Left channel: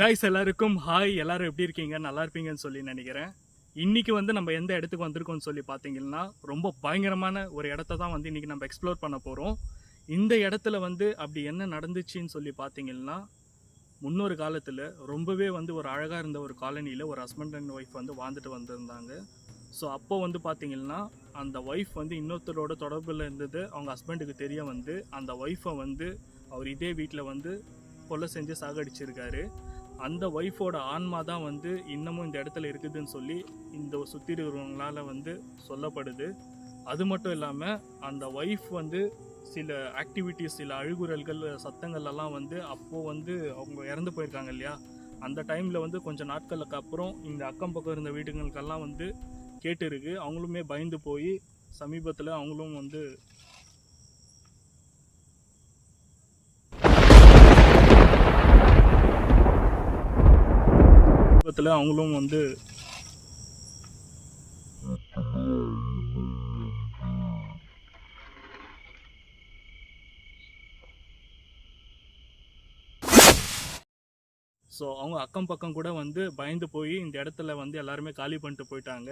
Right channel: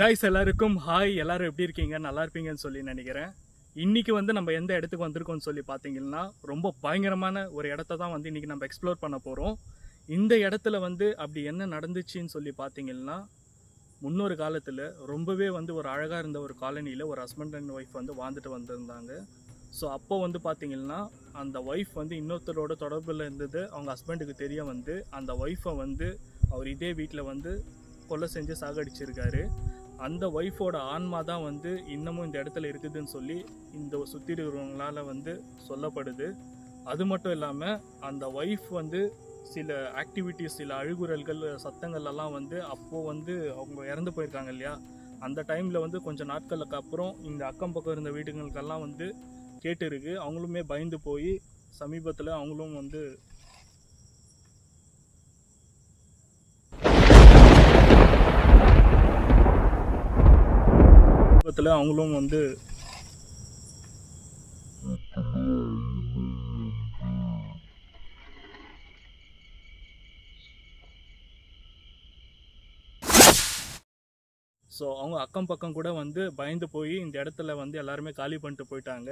Guys எல்லாருக்கும் hi. எல்லாரும் எப்படி இருக்கீங்க? நல்லா இருப்பீங்கன்னு சொல்லி நினைக்கிறேன். இன்றைக்கி வந்து நம்ம எந்த இடத்துக்கு வந்திருக்கோம்னு சொல்லி பார்த்தீங்கன்னா, ரொம்ப பயங்கரமான ஒரு இடத்த தான் வந்து இன்றைக்கி நம்ம எக்ஸ்ப்ளோர் பண்ண போகிறோம். இந்த இடத்துல வந்து அப்படி என்ன நடந்துச்சுன்னு சொல்லி பார்த்தீங்கன்னா, முன்னொரு காலத்தில் ரொம்பவே வந்து ஒரு அழகாக இருந்த ஒரு காலனியில் ஒரு ஹஸ்பண்ட் அண்ட் ஒய்ஃப் வந்து வாழ்ந்துட்டு வந்திருந்தாங்க. ஸோ அப்போ வந்து பார்த்திங்கன்னா, அந்த ஒய்ஃப் வந்து இன்னொருத்தரோட தொடர்பில் இருந்தது அவங்க ஹஸ்பண்டுக்கு தெரிய வந்து அந்த ஒய்ஃபை வந்து அவர் இதே வீட்டில் வந்து கொலை செஞ்சு சாகடிச்சிருக்காரு. அந்த ஒய்ஃபோட ஆன்மா தான் வந்து இன்னமும் இந்த இடத்துல இருக்குதுன்னு சொல்லி இந்த சுற்றி இருக்கிறவங்களால வந்து சொல்லப்படுது. அது மட்டும் இல்லாமல் அந்த ஒய்ஃப் வந்து சில ஆக்டிவிட்டீஸ், சில அழுகுறல்கள், சத்தங்கள்லாம் வந்து அப்போது வந்து அவங்க இறந்து போயிருக்காங்க இல்லையா, அந்த டைமில் வந்து கொஞ்சம் நாட்களுக்கு அப்புறம் இந்த அக்கம் பக்கம் இருந்த வீடுகளுக்கெல்லாம் வந்து கேட்டுருக்கு. அவங்களுமே பயந்து போய் சமீபத்தில் அவங்களும் வந்து அவங்களும் வந்து ஸோ அவங்க அக்கம் பக்கம் கூட வந்து பயந்து போய் இந்த இடத்துல வந்து எல்லாருமே காலி பண்ணிட்டு போயிட்டாங்க.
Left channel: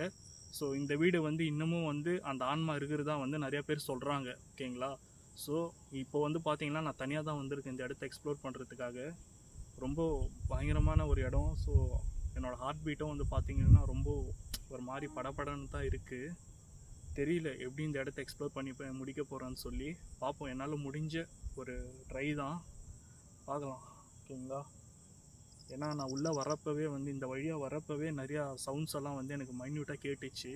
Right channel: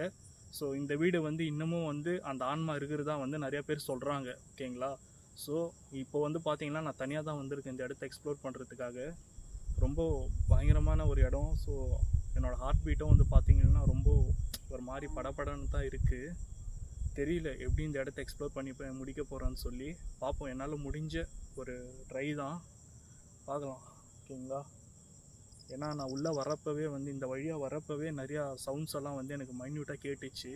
ஸோ இந்த வீடு வந்து இன்னமும் வந்து அந்த ஆன்மா இருக்கிறதா வந்து நிறையா பேர் சொல்கிறாங்க. ஓகேங்களா? ஸோ இப்போ வந்து பார்த்தீங்கன்னா நான் தனியாக தான் வந்திருக்கேன் இந்த இடத்த எக்ஸ்ப்ளோர் பண்ணுறதுக்காக. ரொம்ப பயங்கரமான ஒரு இடம். ஸோ என்னோடய ஹார்ட் பீட்டும் வந்து பார்த்திங்கன்னா ரொம்ப ஒரு மாதிரி படப்படன்னு தான் இருக்குது. தெரியல எப்படி இந்த இடத்த எக்ஸ்ப்ளோர் பண்ணி முடிக்க போகிறேன்னு சொல்லி பார்ப்போம். என்னால் முடிஞ்ச ஒரு ட்ரை தான், பார்க்கலாம். ஓகேங்களா? ஏன்னா நான் உள்ளே வரப்பவே வந்து இந்த வழியாக வரப்பவே நிறையா சவுண்ட்ஸ் எல்லாம் வந்து எனக்கு மைன்யூட்டாக கேட்டுச்சு.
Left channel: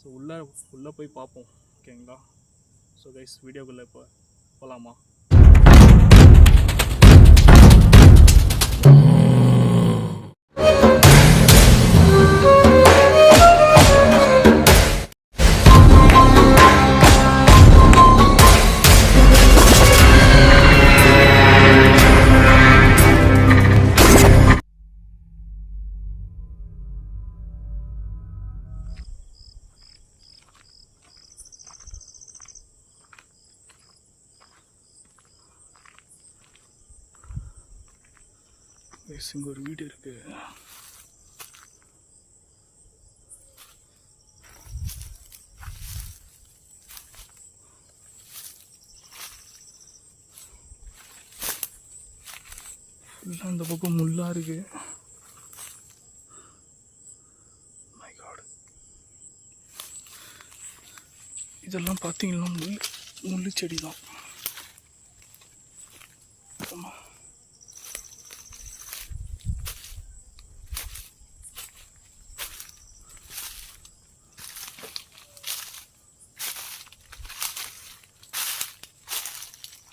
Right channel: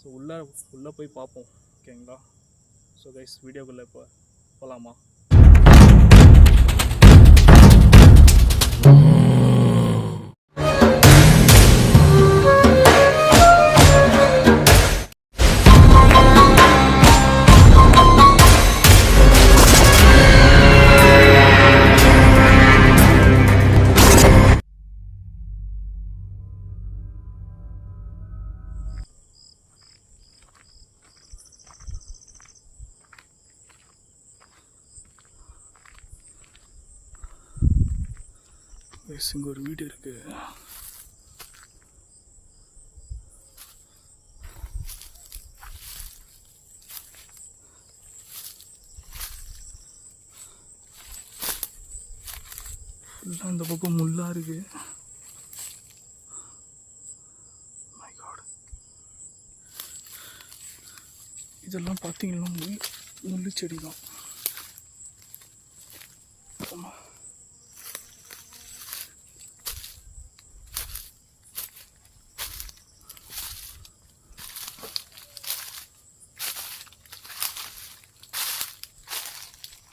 ஸோ உள்ளே போய் பார்ப்போம். ஓகேங்களா? ஸோ கைஸ், வீடியோக்குள்ளே இப்போ போகலாமா? இங்கே ஒரு வீடு இருக்கு. ஃபுல்லாக அந்த பக்கம் முள்ளா இருக்கு. மை காட், இதெல்லாம் பார்த்தீங்கன்னா முள்ளு செடி தான்.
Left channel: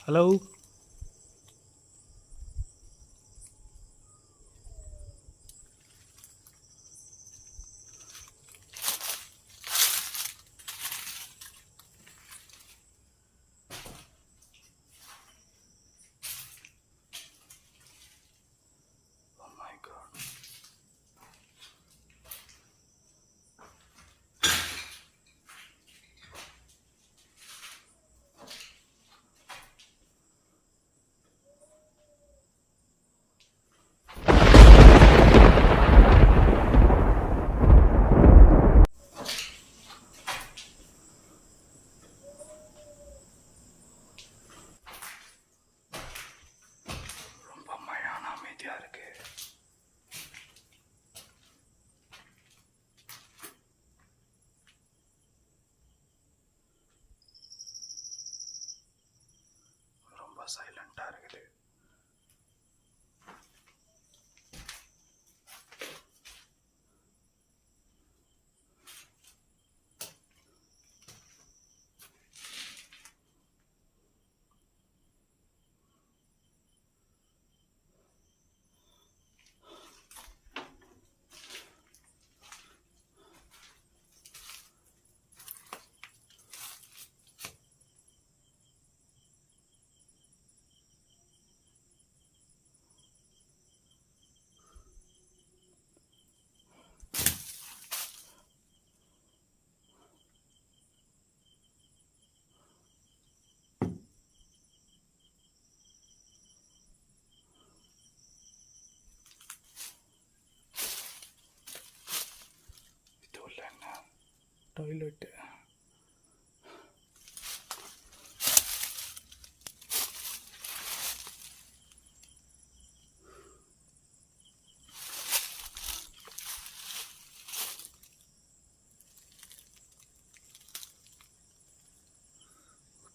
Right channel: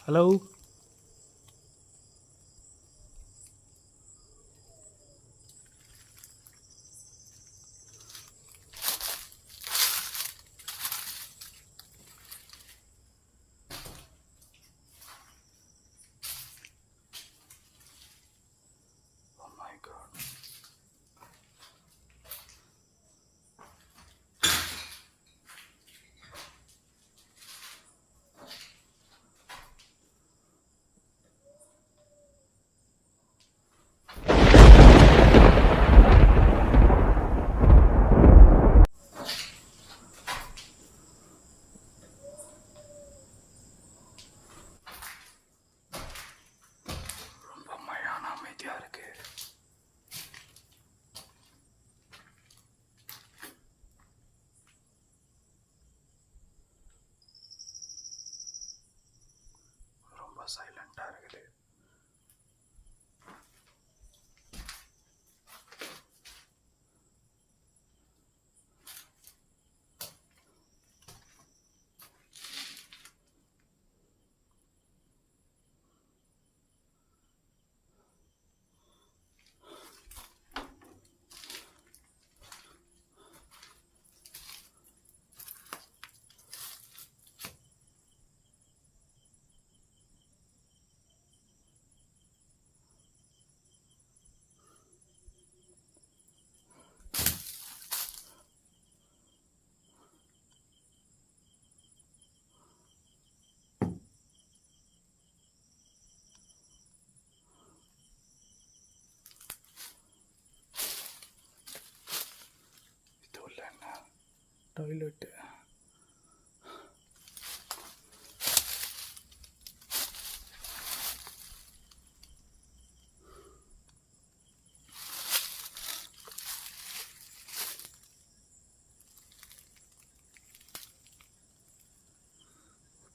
ஹலோ, சைலண்டாக இருக்குது.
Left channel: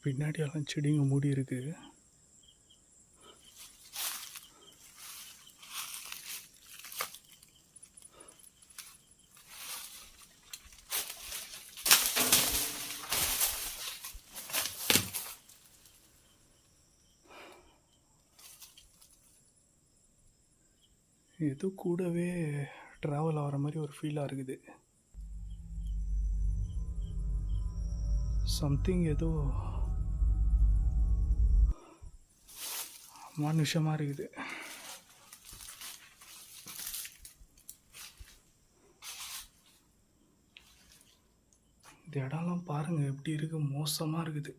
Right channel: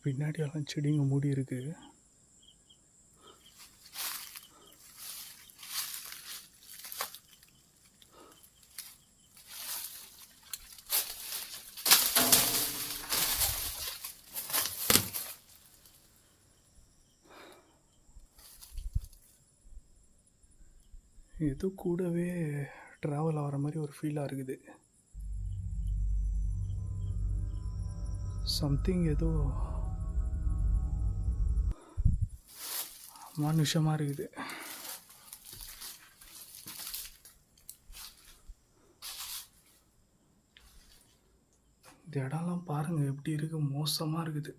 பின்னாடி எல்லாம் செடிங்க மூடி இருக்கு. ஏதோ கூடவே ட்ராவல் ஆகிற மாதிரி ஒரு ஃபீலாக இருக்குது. சம்திங் ஏதோ மானுஷமாக இருக்குது. இந்த இடம்லாம் பாருங்கள் எப்படி இருக்கு, மோசமாக இருக்குது.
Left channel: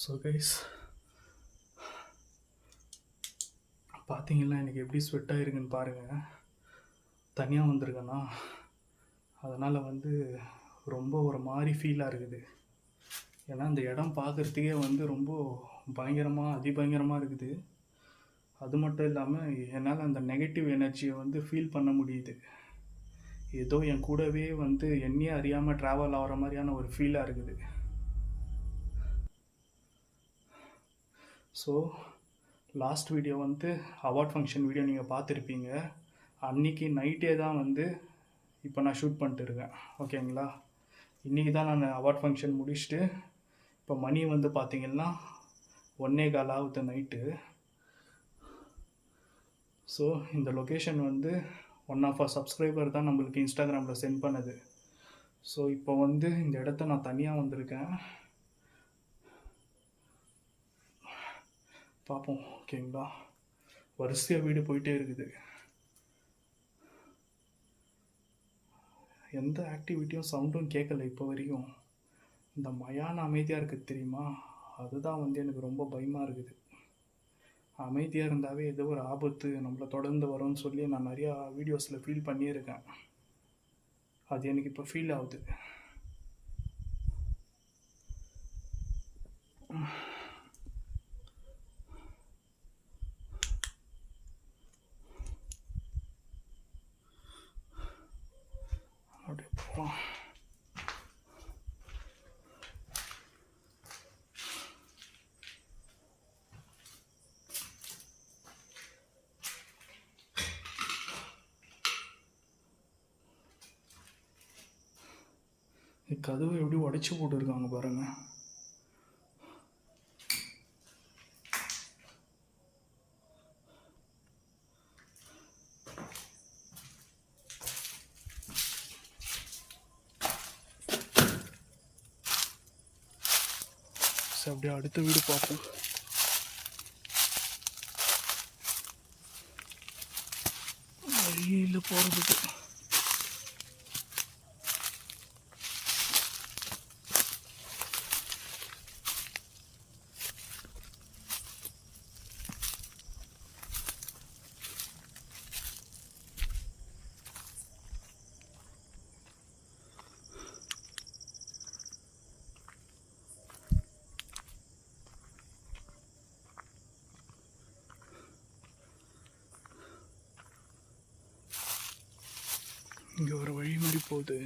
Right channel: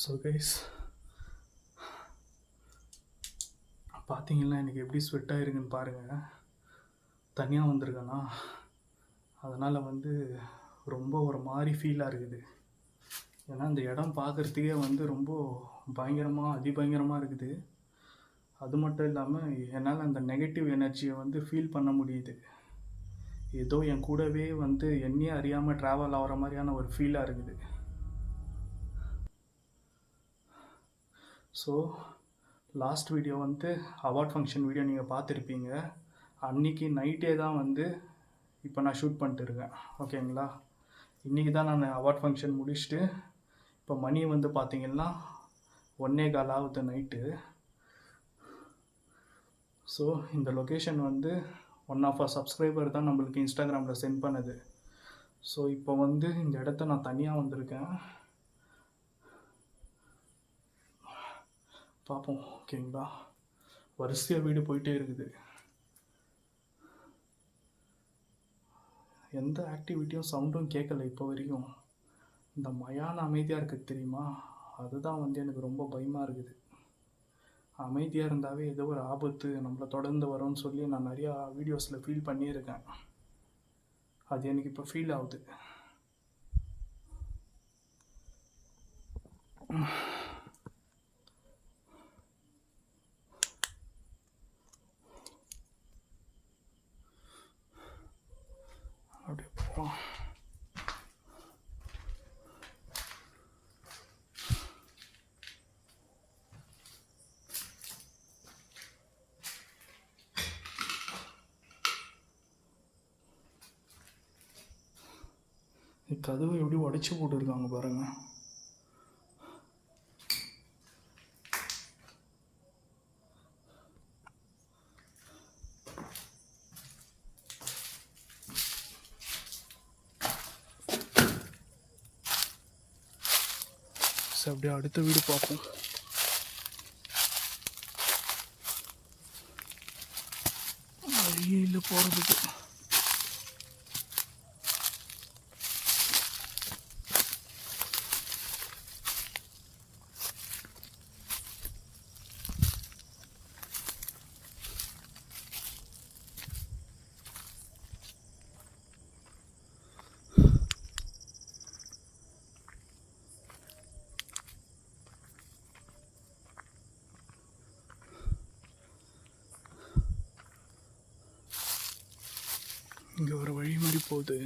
ஸோ கைஸ் பார்த்தீங்கன்னா எனக்கு எப்படி ஸ்வெட் ஆகிருக்குன்னு பாருங்கள். தனியாக வந்திருக்கேன்னா அதனால் வந்து ரொம்ப ஒரு மாதிரி ஃபீலாக இருக்குது. ஏன்னா இந்த இடம் பார்க்குறதுக்கே வந்து ரொம்ப பயங்கரமாக அதிபயங்கரமாக இருக்குது. அது மட்டும் இல்லாமல் என்னால் அந்த நெகட்டிவ் எனர்ஜியை வந்து ஃபீல் பண்ண முடியுது. ஏதோ என் கூடவே வந்து என்னையே அறியாமல் ட்ராவல் ஆகிற மாதிரியான ஒரு ஃபீலாக இருக்குது. ஸோ லாஸ்ட் வீடியோ வந்து அவார்ட் ஃபங்க்ஷன் வீடியோ நீங்கள் பார்த்துருப்பீங்க. அன்றைக்கி நைட்டே தான் வந்து இப்போ நான் ஷூட் பண்ணிட்டு இருக்கேன். ஓகேங்களா, இன்றைக்கி தான் நான் அவார்ட் ஃபங்க்ஷன் முடிச்சுட்டு இப்போ மணி வந்து பார்த்திங்கன்னா 1:15 ஆகுது நைட்டு. ஸோ இந்த லொக்கேஷன் வந்து ஒன் ஆஃப் அ சப்ஸ்கிரைபர் தான் நம்மளுக்கு இன்ஸ்டாகிராமில் சென்ட் பண்ணது. ஸோ இப்போ வந்து இந்த இடத்த நான் தனியாக வந்திருக்கேன். பார்ப்போம். ஓகேங்களா, வரிசையாக வீடு போயிட்டே இருக்குது. எந்த ஆக்டிவிட்டியும் சவுண்டும் கேட்கல இப்போ வரைக்கும். இந்த மயான அமைதியாக இருக்குது தெரியுமா, அதுதான் வந்து எனக்கு ரொம்ப பயமாக இருக்குது. அமைதியாக இருந்தாவே ஏதோ ஒரு ஆபத்து நம்மளை தொடர்ந்து வரும்னு சொல்லி நான் நிறையா வீடியோஸில் ஃபீல் பண்ணியிருக்கேன். அது எனக்கு இப்போ ஃபீல் ஆகுது. அப்படியே போகலாம். கதவை எப்படி உடைச்சி போட்டுருக்காங்க பாருங்க. அப்படியே அடுத்த வீடு பார்ப்போம். வழியில் போகிறதுக்கு இங்கே ஒரு வழி மாதிரி போகுது.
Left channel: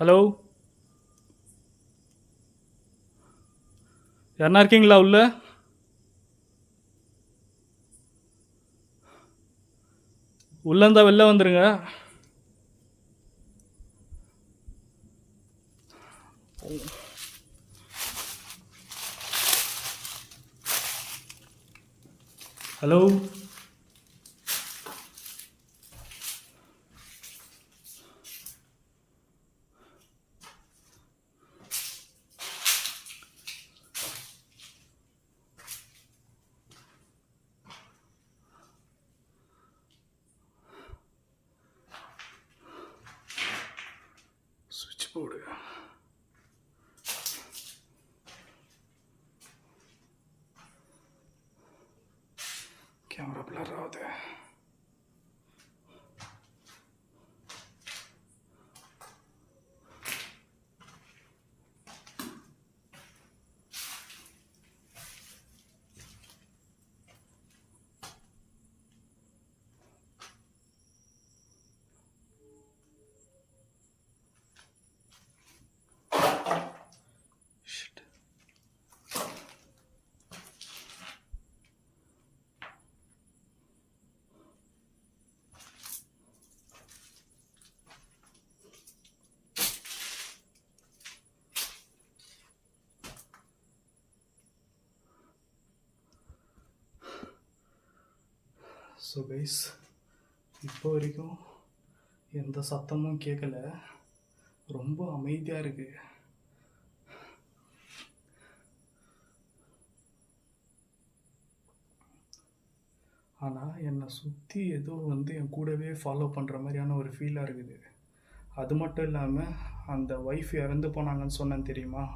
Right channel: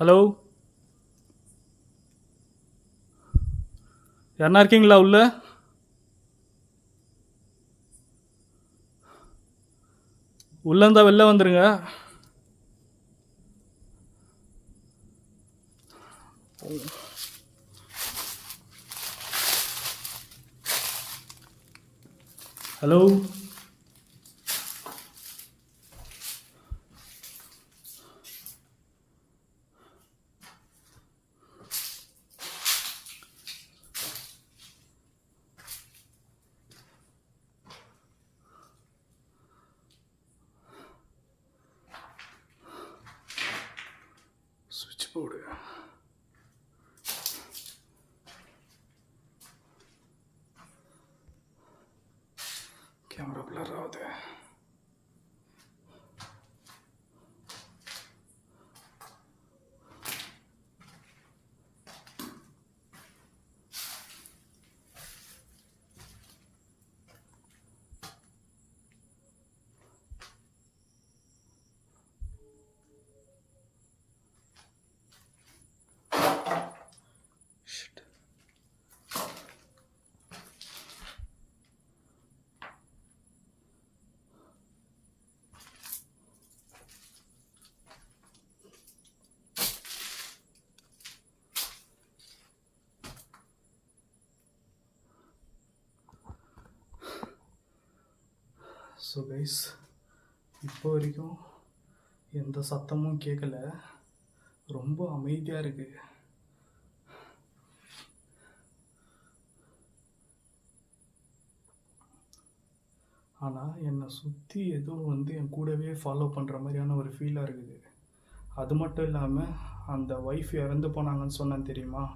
ஹலோ, யாருன்னா இருக்கீங்களா உள்ள? உள்ள இருந்தா வெளில வந்துருங்க. ஹலோ, போடு. கேமரா பிளர் ஆகுது. ஸோ கைஸ், இப்போ வரைக்கும் எந்த சத்தமும் கேட்கல, ரொம்ப அமைதியாக இருக்குது. ஆனால் என்னை சுற்றி ஏதோ என் கூடவே ஃபாலோ பண்ணுற மாதிரியான ஒரு ஃபீலாக இருக்குது. அது மட்டும் இல்லாமல் அந்த ஒய்ஃப் இறந்து போனாங்கன்னு சொன்னேன் தெரியுமா,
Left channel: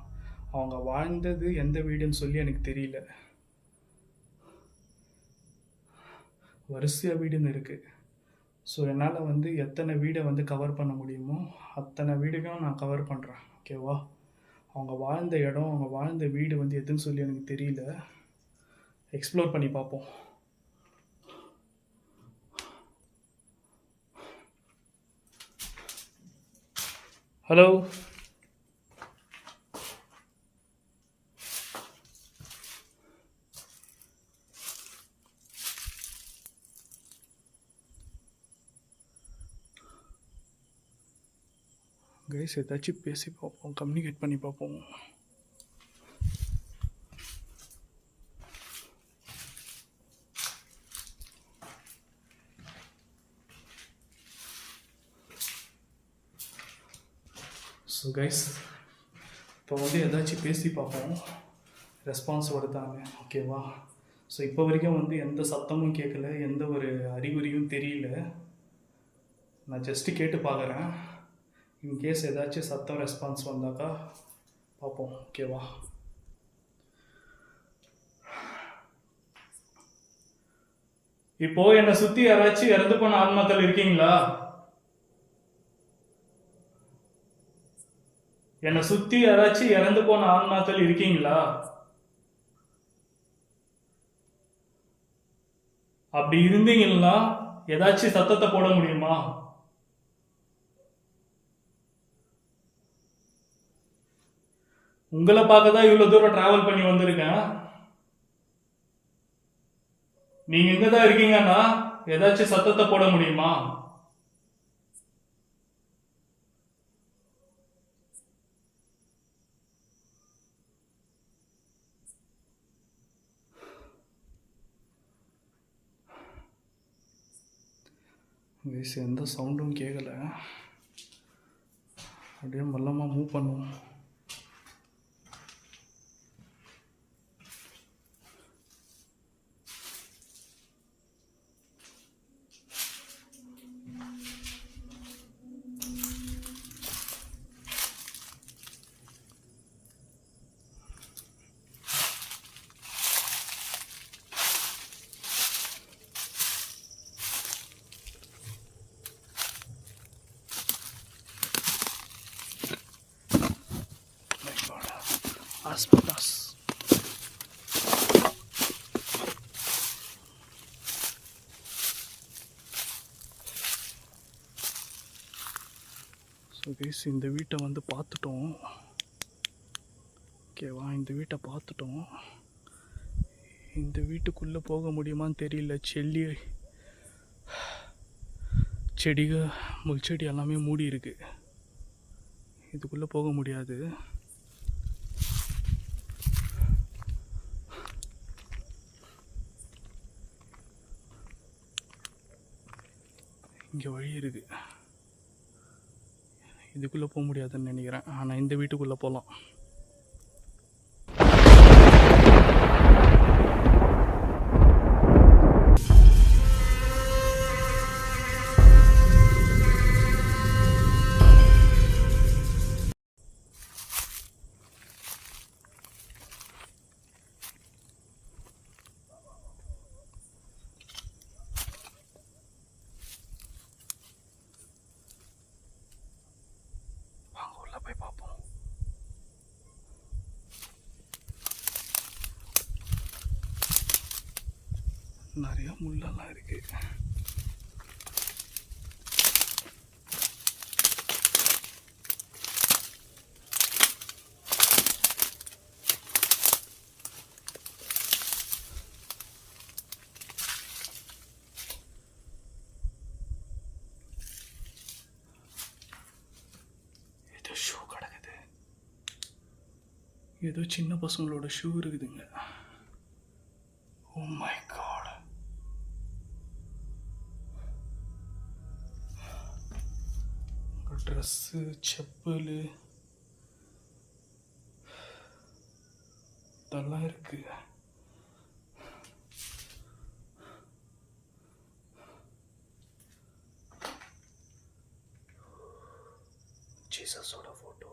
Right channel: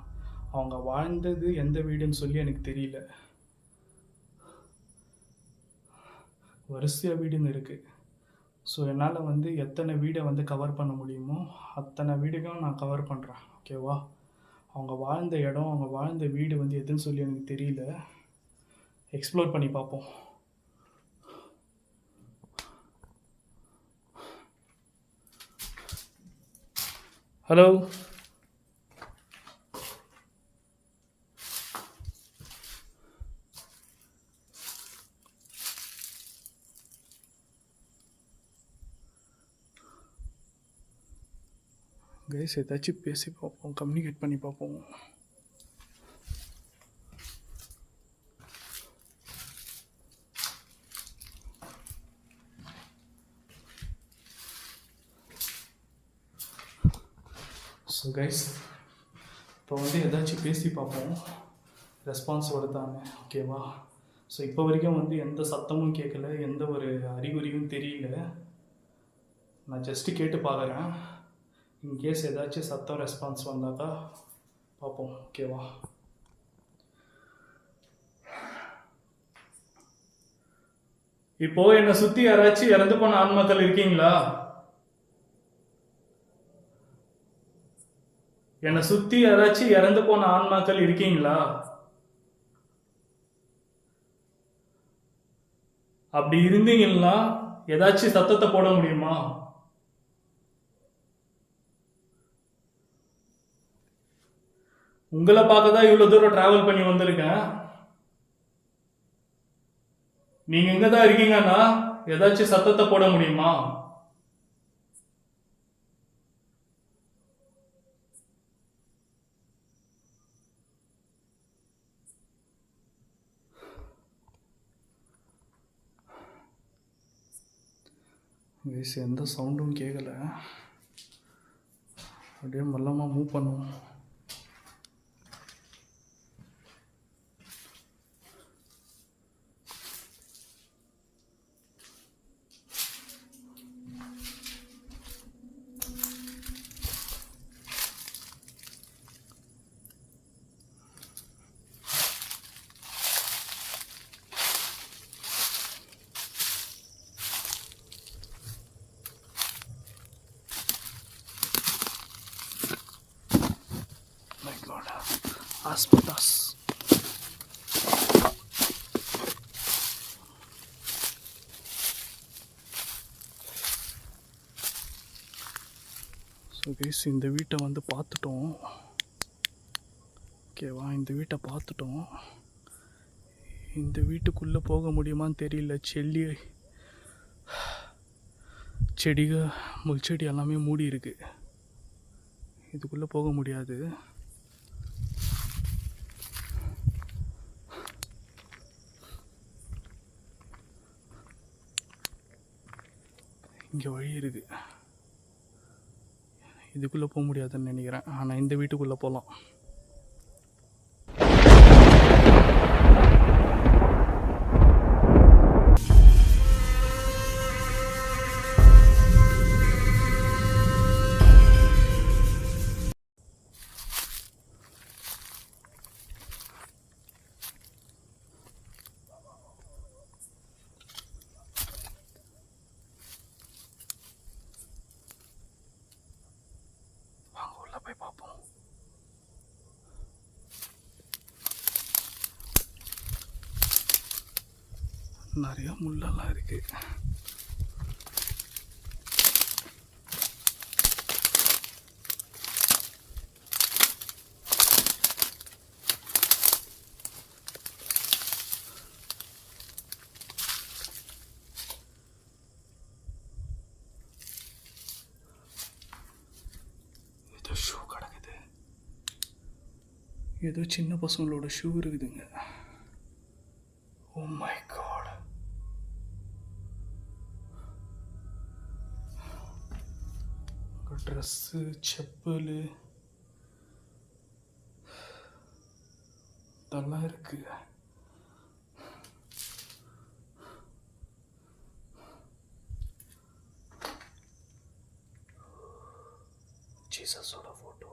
அவங்க வாழ்ந்தது எந்த வீடுன்னு சொல்லி எனக்கு தெரியல. வரிசையாக வீடுன்னு இருக்குது. ஸோ என்னால் எத்தனை வீடை கவர் பண்ண முடியுமோ அத்தனை வீடுகளும் நான் கவர் பண்ணுறேன். ஓகேவா? அவங்க வாழ்ந்த இடம், அவங்க வாழ்ந்த வீடு எதுன்னு சொல்லி எனக்கு தெரியல. எக்ஸ்ப்ளோர் பண்ணி பார்ப்போம். ஹலோ, கைஸ், ஏதாச்சும் பேசி பார்ப்போம், கம்யூனிகேட் பண்ணி பார்ப்போம். ஸோ கைஸ், இப்போ ஏதாச்சும் பேசி பார்ப்போம், ரெஸ்பான்ஸ் வருதாங்க. ஓகேவா? ஸோ இப்போ வரைக்கும் எந்த சத்தமும் கேட்கல, எந்த ஒரு அறிகுறியும் தெரியல. நான் ஜஸ்ட்டு கேட்டு பார்க்குறேன். இன்கேஸ் ஏதாச்சும் சத்தம் ரெஸ்பான்ஸ் வந்தாக்கா பார்ப்போம். ஓகேவா? இப்போ என்னை சுற்றி யாராச்சும் இறந்து போன ஆன்மாக்கள் இருக்கீங்களா? என்னை சுற்றி யாராச்சும் இறந்து போன ஆன்மாக்கள் இருக்கீங்களா? அப்படி இருந்தீங்கன்னா ஏதாச்சும் சத்தத்தை போட முடியுமா? உங்களை பார்க்க தான் இவ்வளோ தூரம் டிராவல் பண்ணி வந்திருக்கேன். நீங்க எங்க தான் இருக்கீங்கன்னா ஏதாச்சும் சத்தத்தை போட முடியுமா? எந்த சவுண்டும் கேட்கல. அப்படியே மெல்லமாக மூவ் பண்ணுவோம். Aspetas. ஸோ கைஸ், இந்த வீட்டை பார்த்துட்டோம். ஓகேவா? இந்த வீட்டை பார்த்துட்டோம். இந்த வீட்டுக்குள்ளே போக முடியுமான்னு தெரியல. செடிகள், முள்செடி எல்லாமே மூடி இருக்கு. இதுக்குள்ளே போக முடியாது. இங்கே வழி இருக்குது. இதுக்குள்ளே போக முடியாதுன்னு நினைக்கிறேன். ஆனால் இந்த வீட்டுக்குள்ளே போகலாம். நிறைய முள்ளெல்லாம் இருக்கு. ஏதோ ஷூ கிடக்குது, ஏதோ சின்ன பசங்களோட ஷூ இருக்குதுங்க. Oh my God. Dress, chappal இதெல்லாம் இருக்கு. ஜீசஸோட ஃபோட்டோ.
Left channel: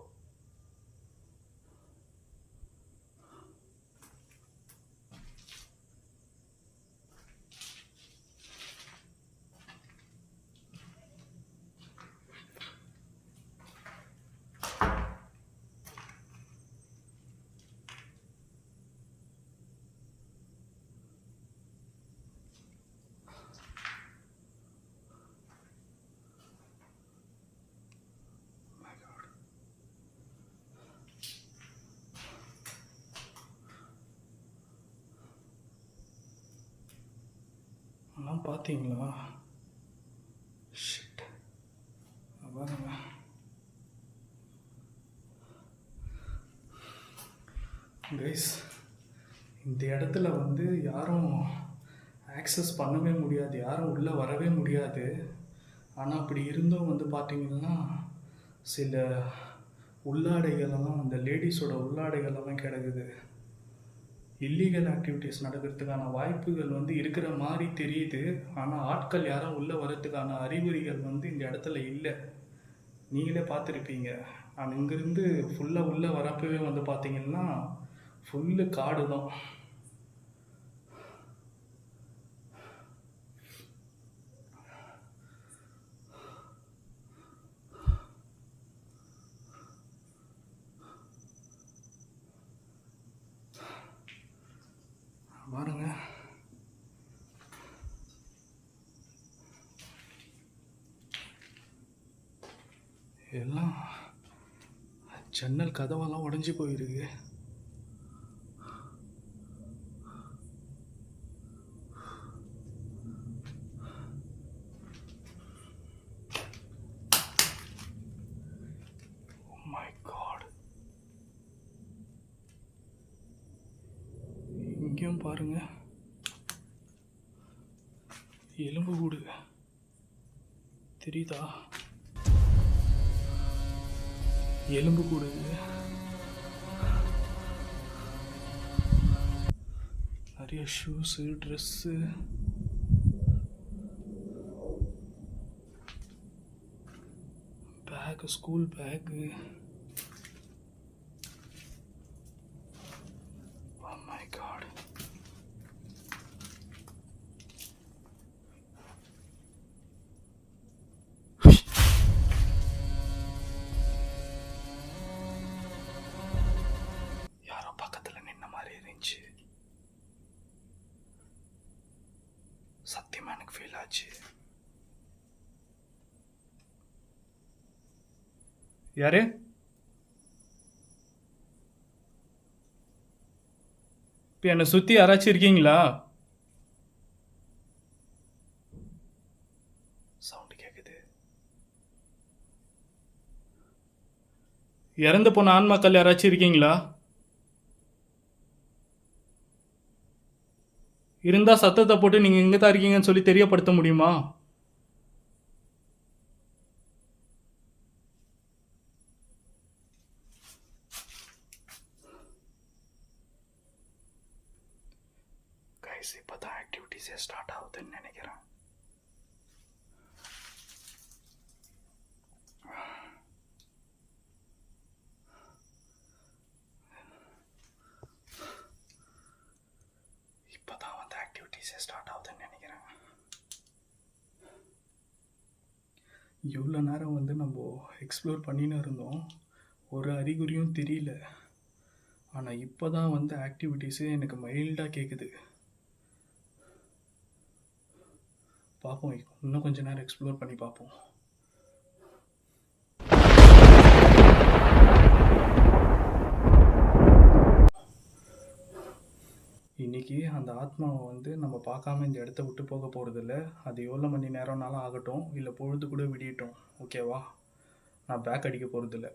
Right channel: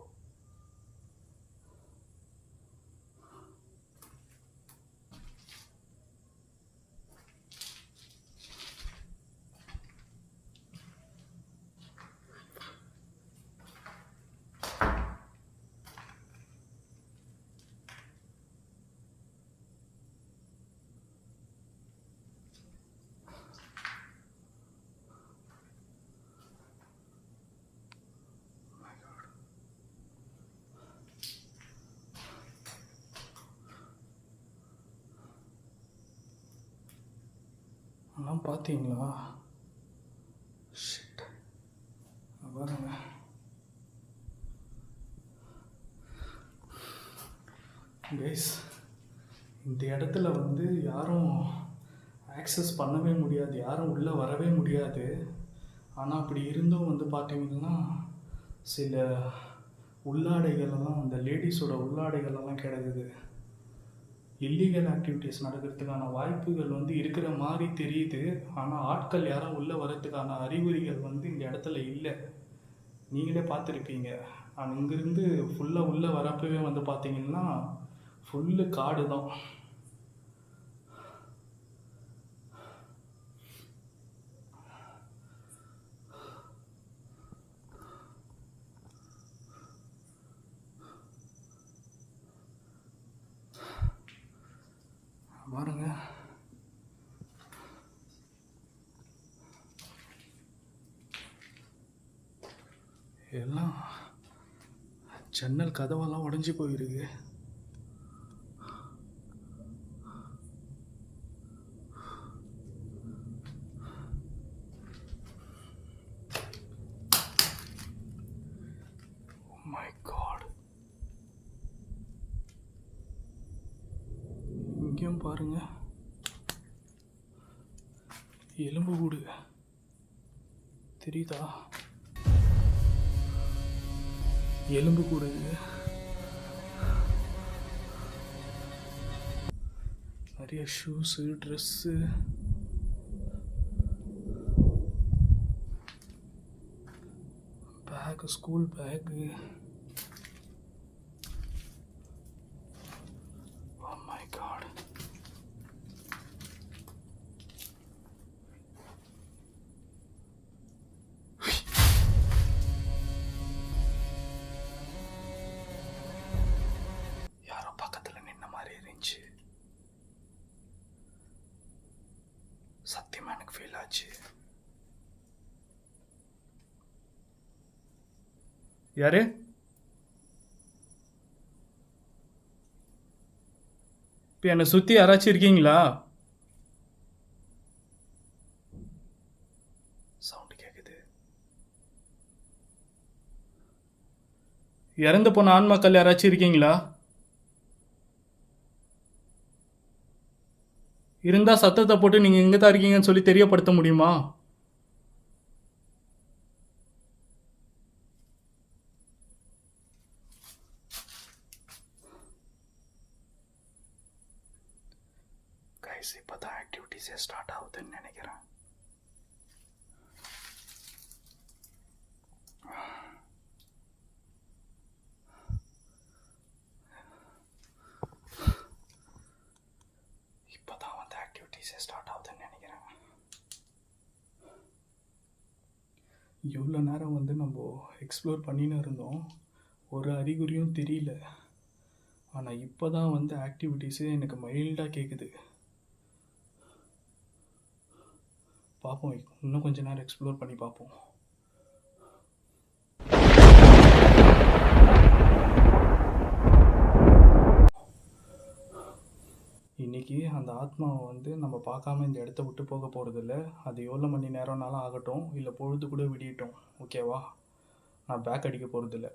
அதெல்லாம் பார்த்தீங்களா? ஷிட். பாருங்க, கைஸ், இந்த இடத்துல வந்து யாரும் ஆக்சஸ் பண்ணவே முடியாது, யாரும் உள்ளே வரவே முடியாது. ஆனால் அப்படி இருந்தும் வந்து பார்த்தீங்கன்னா சில உள்ளாடைகளெல்லாம், அந்த லேடிஸோட உள்ளாடைகளெல்லாம் கிடக்குது. இல்லீகல் ஆக்டிவிட்டீஸ் நடக்கிறதுக்கான வாய்ப்புகள் வந்து இருக்கிற மாதிரி தெரியுது. ஆனால் ஆட்கள் யாரும் உள்ளே வரத்துக்கான அறிகுறிகள் வந்து இந்த இடத்துல இல்லை. நீங்களே பார்த்துருப்பீங்க. ஆனால் இங்கேருந்து ஃபுல்லாக உள்ளே வரப்பவே வந்து பார்த்தீங்கன்னா ஃபுல்லு காடு தான். பாருங்க, எல்லாம் ஜன்னல் கதவெல்லாம் உடஞ்சி போயிருக்கு. Oh my God. இங்கேயும் பாருங்க, எலும்பு கூடு தெரியுதா? எலும்பு கூடு. நிறைய shoes, dress, bag, school bag. Oh my God. யாரோ பக்கத்தில் நின்ன மாதிரி இருந்துச்சு. சத்தியமா எனக்கு ஃபீல் ஆச்சு. யாரு? இப்போ என்னை சுற்றி யாராச்சும் இருக்கீங்களா? சவுண்டு கேட்குது. இறந்து போன ஆன்மாக்கள் யாராச்சும் இருக்கீங்களா? இருந்தால் சத்தத்தை போட்டு நீங்கள் எங்கே தான் இருக்கீங்கன்னு சொல்லி தெரியப்படுத்த முடியுமா? கைஸ், இப்போ தான் ஆக்டிவிட்டீஸே ஸ்டார்ட் ஆகுதுன்னு நினைக்கிறேன். இப்போ தான் வந்து ஆக்டிவிட்டீஸே ஸ்டார்ட் ஆகுதுன்னு நினைக்கிறேன். இவ்வளோ நேரம் வந்து நம்ம எக்ஸ்ப்ளோர் பண்ணின்னு இருந்தோம், ஒரு அறிகுறியும் தெரியல. ஆனால் இப்போ தான் வந்து ஆக்டிவிட்டீஸே எனக்கு மைல்டாக கேட்குது. பார்ப்போம், இன்னும் கொஞ்ச நேரம் எக்ஸ்ப்ளோர் பண்ணி பார்ப்போம். இன்றைக்கி அந்த ஆத்மாவை வந்து நம்ம பார்க்காம இந்த இடத்த விட்டு போக போகிறதில்ல. அது எவ்வளோ மணி நேரம்னாலும் ஆகட்டும், இல்லை பொழுது கூட விடியட்டும், ஓகேவா? நான் பேக் அடிக்க போகிறதில்ல.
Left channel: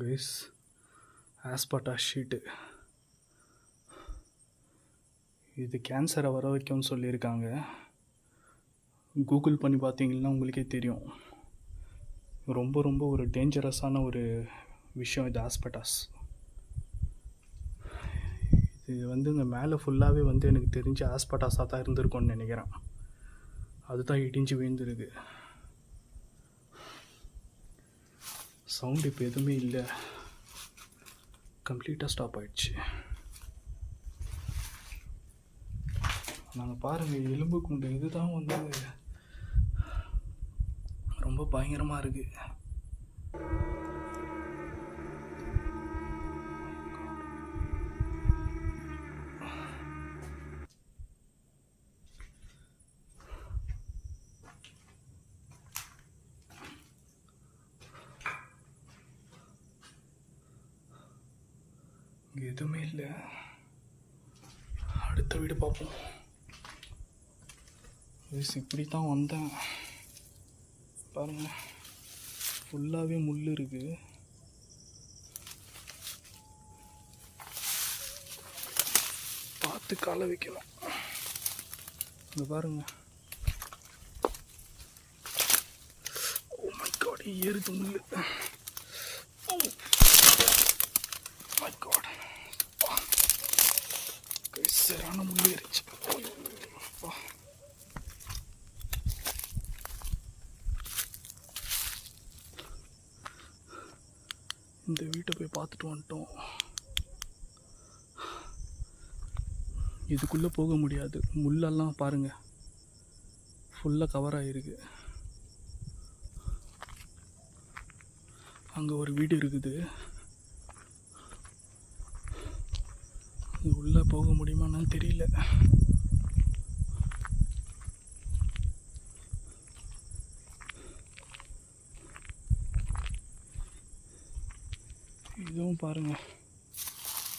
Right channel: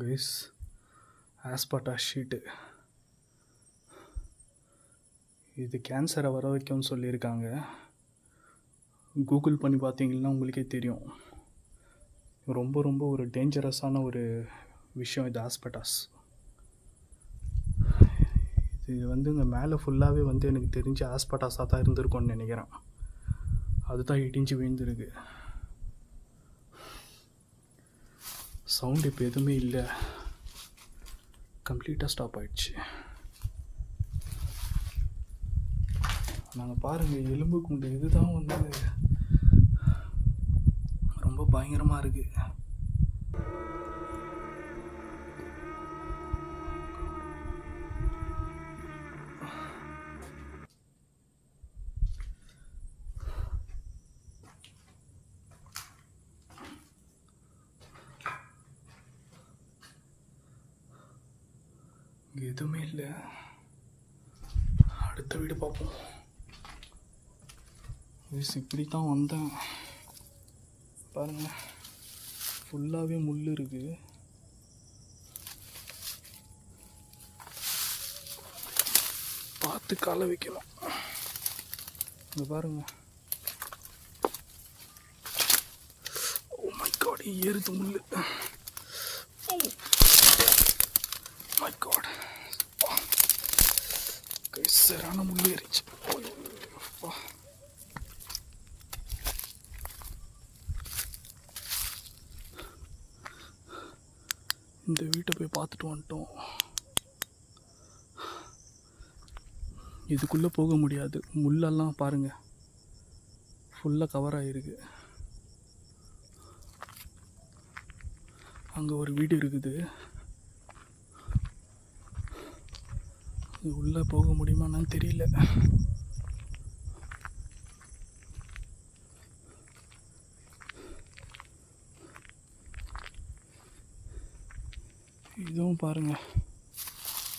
கைஸ், ஆஸ்பாட்டாஸ் ஷீட்டு இது கேன்சரை வர வைக்கும்னு சொல்லியிருக்காங்க. கூகுள் பண்ணி பார்த்தீங்கன்னா உங்களுக்கே தெரியும். ரொம்ப ரொம்ப ஒரு டேஞ்சரஸான ஒரு விஷயம் இது ஆஸ்பாட்டாஸ். இது வந்து இங்கே மேலே ஃபுல்லாகவே வந்து எனக்கு தெரிஞ்சு ஆஸ்பாட்டாஸாக தான் இருந்திருக்கும்னு நினைக்கிறேன். அதுதான் இடிஞ்சு விழுந்துருக்கு. சவுண்ட் இப்போ எதுவுமே இல்லை, கம்ப்ளீட்டாக ஸ்டாப் ஆயிடுச்சு. நாங்கள் பாருங்கள், எலும்பு கூண்டு இதுதான் வந்து ரொம்ப பயங்கரமாக இருக்குது. எதுவுமே இல்லை. அடுத்த வீடு பார்ப்போம். இப்படி தான் வந்தேன் பாருங்க, ஃபுல்லாகவே முள் இருக்குது. பார்த்து காலை வைக்கணும். இங்கே பாருங்க, ஓ மை காட், ஏறுது முள். மை காட், சரியான முள் ஏறிச்சு. இந்த வீட்டை போய் பார்த்துட்டு வந்துட்டோம். இதுக்குள்ளே போக முடியாது, முள்ளெல்லாம் பாருங்கள் ஃபுல்லாக கவர் ஆகிருக்கு. அங்கே ஒரு வீடு இருக்குது, உள்ளே போக முடியுமான்னு தெரியல. இதுவும் பாருங்க,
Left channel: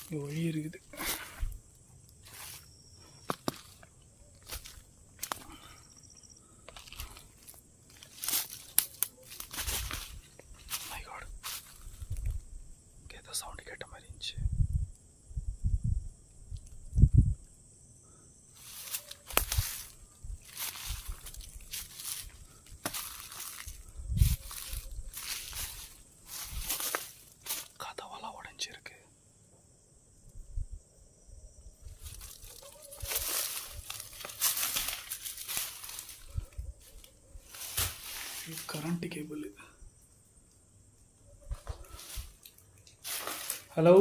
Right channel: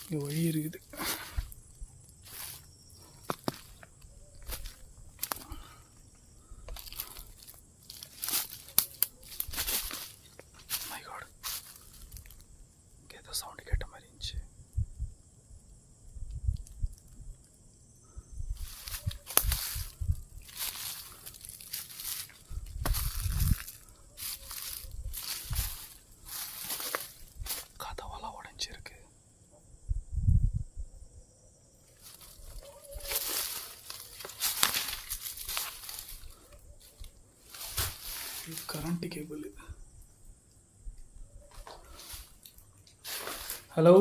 இங்கே வழி இருக்குது. மை காட், இங்கே ஏதோ சவுண்டு கேட்ட மாதிரி இருந்துச்சு. Current cable. ஹலோ,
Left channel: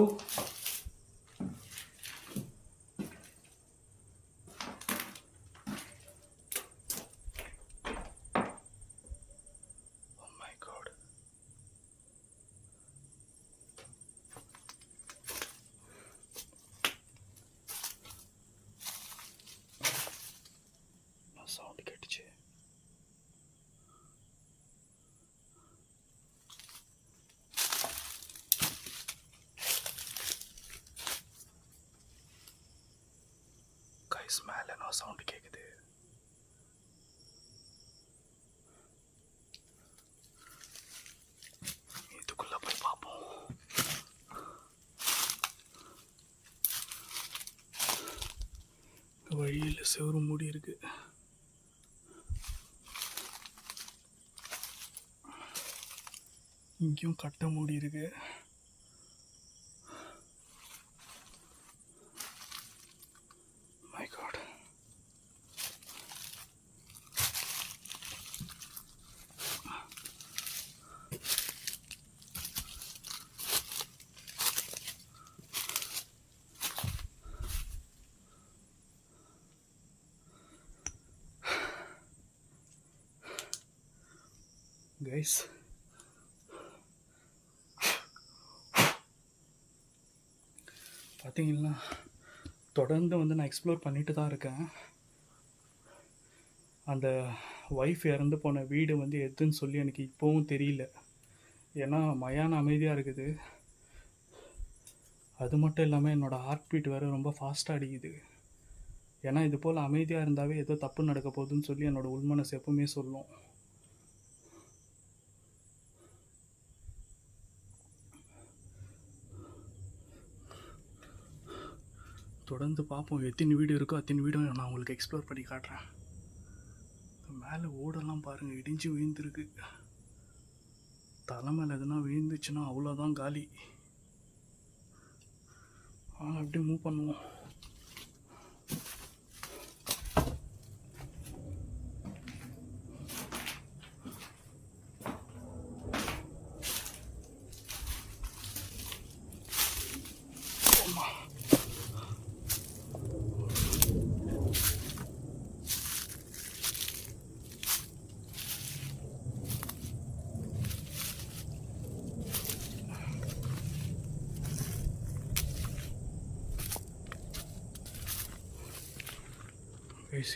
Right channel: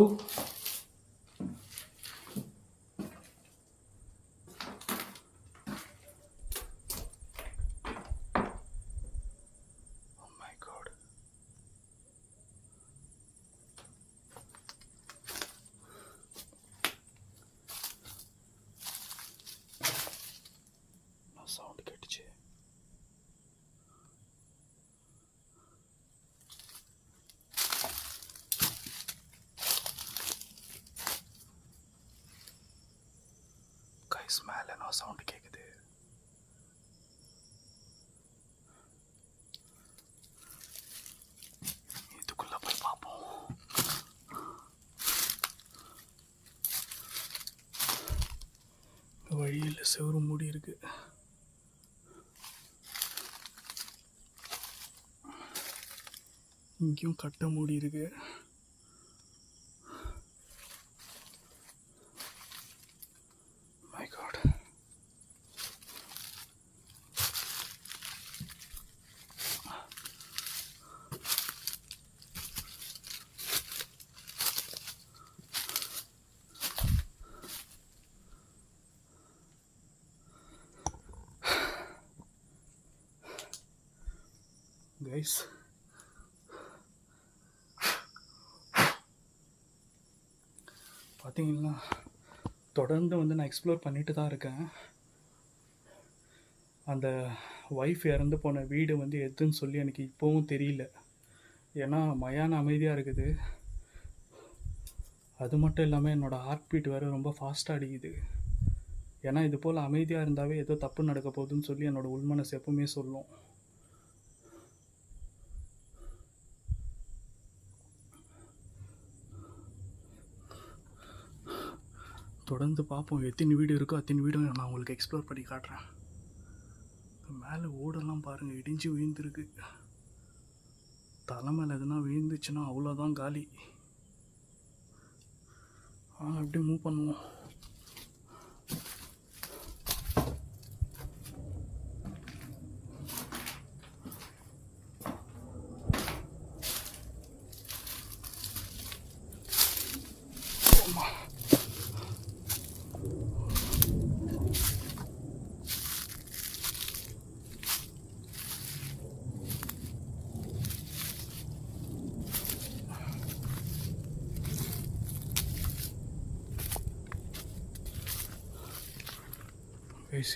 சவுண்ட் கேட்டுச்சு. கைஸ், மேலே என்ன சவுண்ட் கேட்குது. இதுக்குள்ள போய் பார்ப்போம். வழியில் செவரு மூடி இருக்கு. இங்கேயும் கட்டை மூடி இருக்கு. மை காட், கைஸ் பார்த்தீங்கன்னா தொடர்ந்து வந்து நான் எக்ஸ்ப்ளோர் பண்ணிட்டு தான் இருக்கேன். அந்த ஒய்ஃப் இறந்து போன வீடு வந்து எதுன்னு சொல்லி எனக்கு இப்போவும் தெரியல. ஏன்னா மயான அமைதியாக இருக்குது. அது மட்டும் இல்லாமல் என்னோடய ஹார்ட் பீட் வேறு ரொம்ப ஃபாஸ்ட்டாக அடிக்குது. ஏன்னா இது போல் அமைதியாக இருந்தாவே ஏதோ தப்பு நடக்க போகுதுன்னு சொல்லி என்னோடய உள்மனசு எப்பவுமே சொல்லும். தொடர்ந்து பார்ப்போம். எத்தனை வீடு இருக்கோ அத்தனை வீடும் நான் உங்களுக்கு எக்ஸ்ப்ளோர் பண்ணி காட்டுறேன். மேலே ஓடெல்லாம் பாருங்கள், இடிஞ்சு விழுந்துருக்கு. தலை மேலே எதுனா விழுந்துச்சுன்னா அவ்வளோதான் காலி. அப்படியே மூவ் பண்ணுவோம்.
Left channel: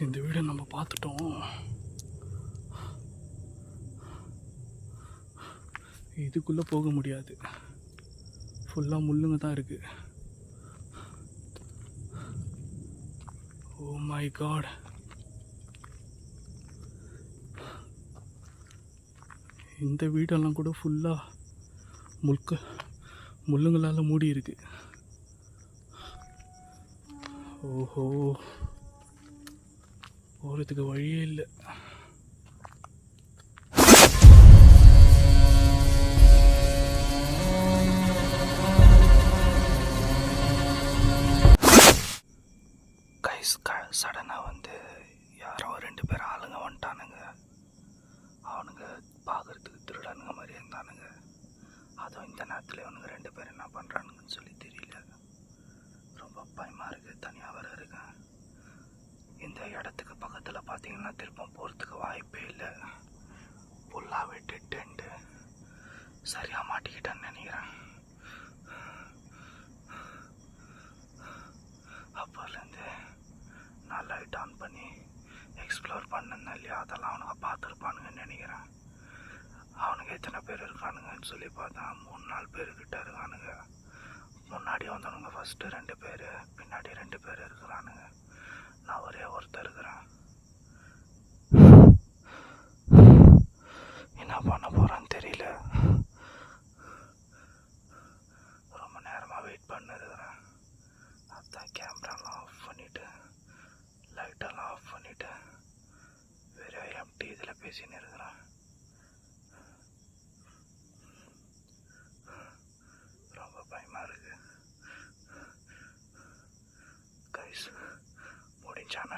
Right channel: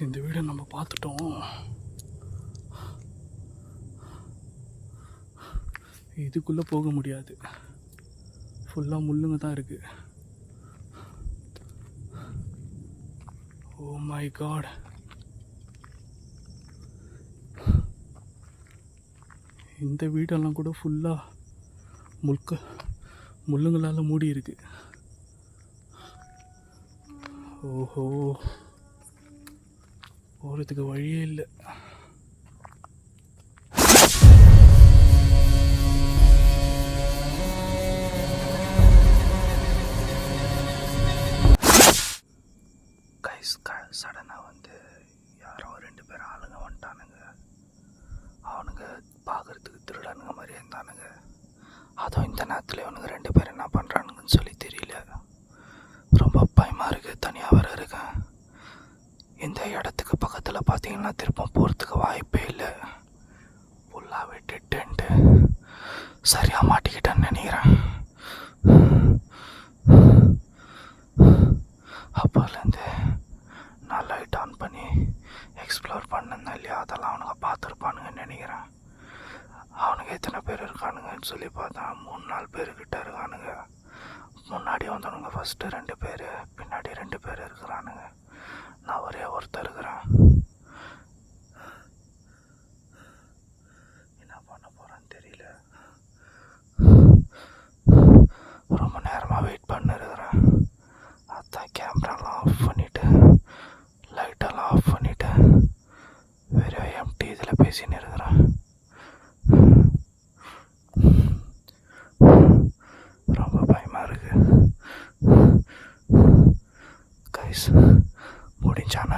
இந்த வீடை நம்ம பார்த்துட்டோம். இதுக்குள்ளே போக முடியாது, ஃபுல்லாக முள்ளுங்க தான் இருக்கு. ஓ மை காட், இந்த வீடெல்லாம் கூட ஃபுல்லாக முள்ளுங்களால் மூடி இருக்கு. ஓஹோ, போகிறதுக்கு வழியே இல்லை. சடனாக வந்து யாரோ 2 பேர் ஆளுங்க வந்துட்டானுங்க. அவனுங்க பார்க்குறதுக்கு திருடனுங்க மாதிரி இருந்தானுங்க. அதுவும் இந்த நேரத்தில் இவனுங்க 2 பேர் என்ன பண்ணுறானுங்கன்னு சொல்லி தெரியல. ரொம்ப பயமாக இருக்குது. தனியாக வேறு இருக்கேன். இந்த இடத்துக்கு பக்கத்தில் பார்த்தீங்கன்னா திருப்பம் போகிறதுக்கு வாய்ப்பே இல்லை. ஃபுல்லாக விட்டுட்டு சரியாக மாட்டிக்கிட்டேன்னு நினைக்கிறேன். அப்போலேருந்து நான் லைட் ஆன் பண்ணி எக்ஸ்ப்ளோர் பண்ணேன் இல்லையா, அதெல்லாம் அவனுங்க பார்த்துருப்பானுங்கன்னு நினைக்கிறேன். அவனுங்க எத்தனை பேர் இருக்கானுங்கன்னு சொல்லி பார்த்தா 3-4 பேர்கிட்ட இருக்கானுங்க. முன்னாடி வந்தவனுங்க ஃபஸ்ட்டு 2 பேர், பின்னாடி 2 பேர் இருக்கிறானுங்க. நான் ஒரே ஒருத்தர் இருக்கிறேன். என்ன பண்ண போகிறேன்னு தெரியல. ரொம்ப நேரமாக வெயிட் பண்ணிருக்கிறேன். அதான் கேமராலாம் ஆஃப் பண்ணிவிட்டு லைட்டெல்லாம் ஆஃப் பண்ணிவிட்டு வெறும் எம்டி இதில் பேசின்னு இருக்கிறேன். ரொம்ப பயமாக இருக்குது கைஸ். முடிஞ்சானா